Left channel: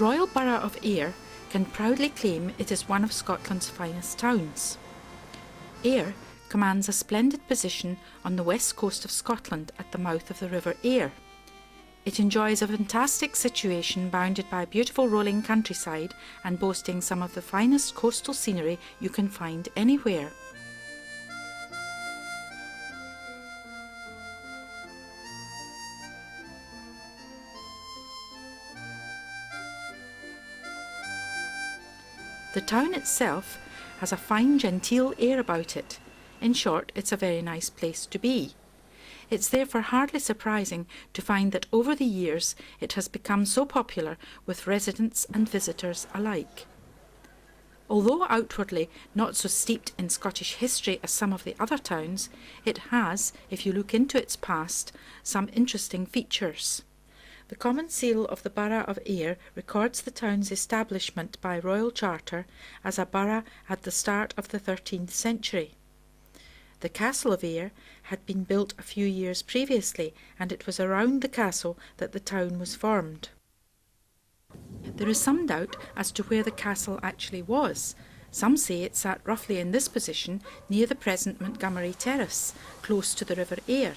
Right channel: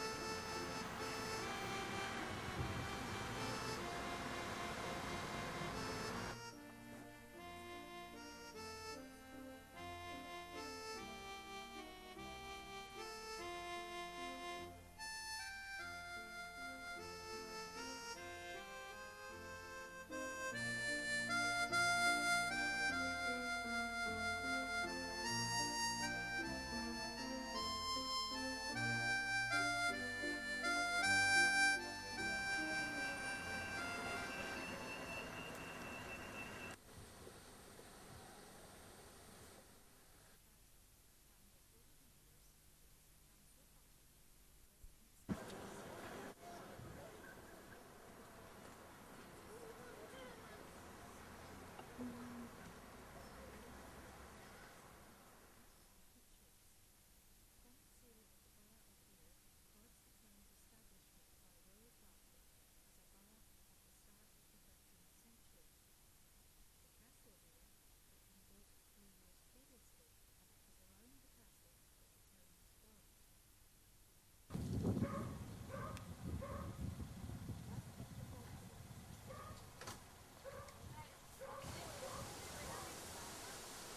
Royal Borough of Ayr can proudly claim it is one of Scotland's finest towns. Ayr commands a splendid position on the west coast of Scotland at the mouth of the River Ayr. It enjoys a fantastic situation bounded by a beautiful rolling countryside and boasting some of the finest coastal scenery you can find anywhere. The town itself has a fine genteel air about it. In short, it's a very nice place to be. It's therefore hardly surprising to find that over the years it has become so popular with residents and visitors alike. Although outwardly not so steeped in Scottish history as some of the other towns, it has, if you look into its past, some interesting features. The Common Seal of the Borough of Ayr records the town's establishment by royal charter as a borough at the start of the 13th century. The Castle of Ayr had been built a few years previously, and it was around the castle that the town was formed. There is some doubt as to where the castle actually was. Some say it sat roughly in this position near the present Montgomery Terrace, close to the River Ayr,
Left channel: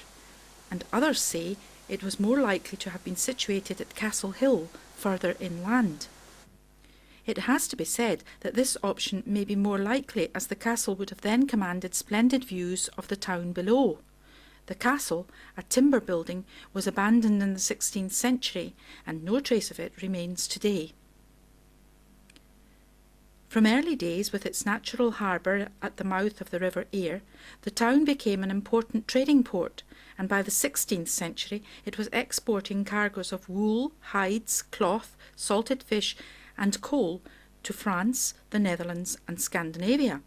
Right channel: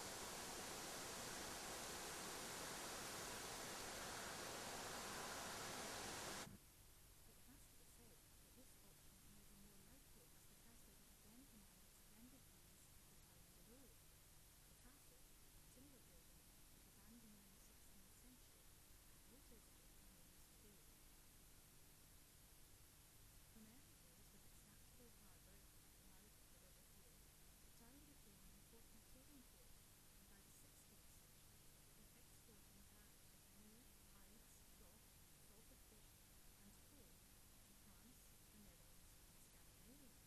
and others say it was more likely to have been situated at Castle Hill, further inland. It has to be said that this option may be more likely, as the castle would have then commanded splendid views of the town below. The castle, a timber building, was abandoned in the 16th century, and no trace of it remains today. From early days, with its natural harbour at the mouth of the River Ayr, the town became an important trading port, and by the 16th century it was exporting cargoes of wool, hides, cloth, salted fish and coal to France, the Netherlands and Scandinavia.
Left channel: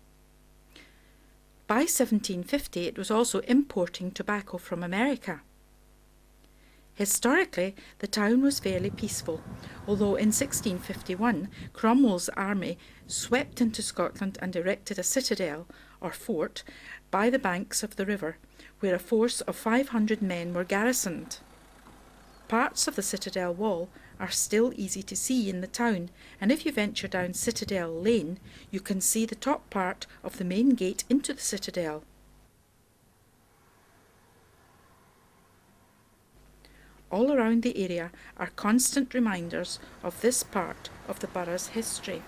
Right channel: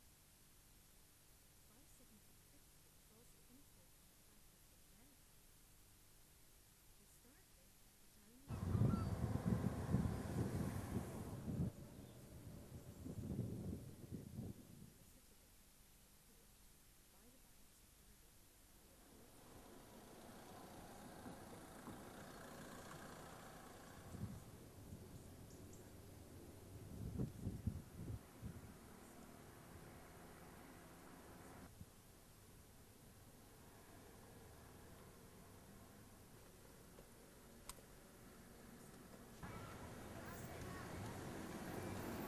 By 1750 it was also importing tobacco from America. Historically, the town was fairly peaceful, although in 1651 Cromwell's army swept into Scotland and erected a citadel, or fort, by the banks of the river, where a force of 500 men were garrisoned. Parts of the citadel wall are still easy to see in the town, and if you venture down Citadel Lane, you can see the top part of the main gate into the citadel. All around the area are constant reminders of this part of the borough's history.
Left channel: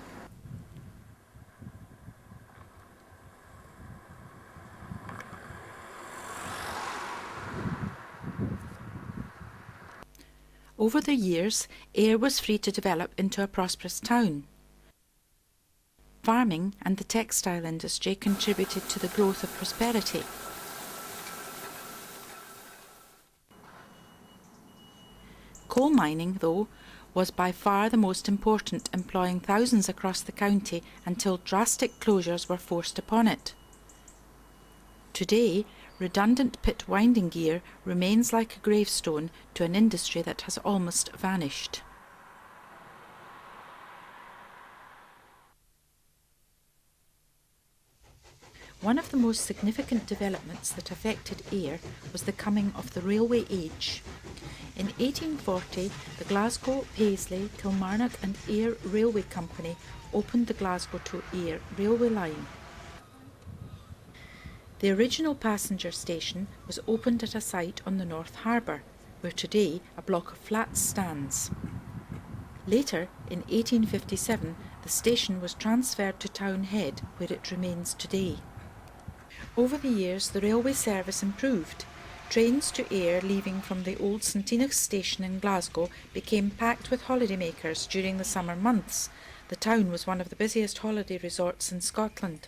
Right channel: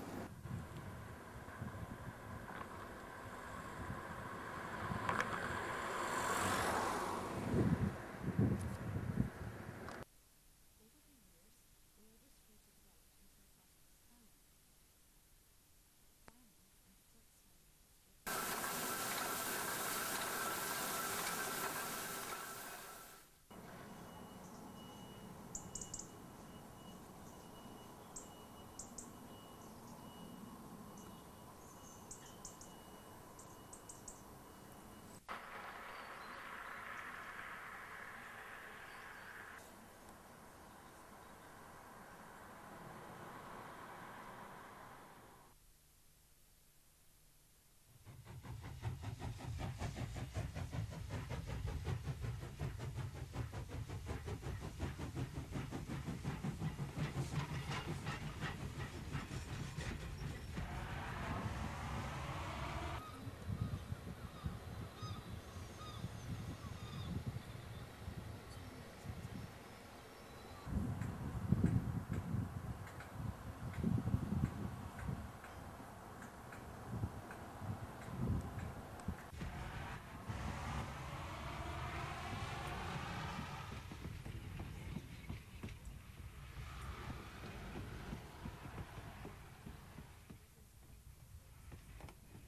Over the years, Ayr was free to develop into a prosperous town. Farming and the textile industry contributed to the growth of prosperity. Coal mining, though, was by far the most important, employing thousands across the county until drastic closures were forced upon it. Today, redundant pit winding gear remains like a gravestone to an industry that has almost vanished. One of the most significant developments that affected Ayr was the coming of the railway age. In 1840, the Glasgow, Paisley, Kilmarnock and Ayr Railway Company opened the Glasgow to Ayr railway line. The original passenger station was opened at a site on the North Harbour, where today a block of flats stands. Later, in 1857, the station was transferred to Townhead, where it remains today. Over the years, the railway service improved. Trains to Ayr leaving from the old St Enoch's station in Glasgow became packed with holidaymakers during the summer months. The town was one of the busiest holiday resorts in Scotland.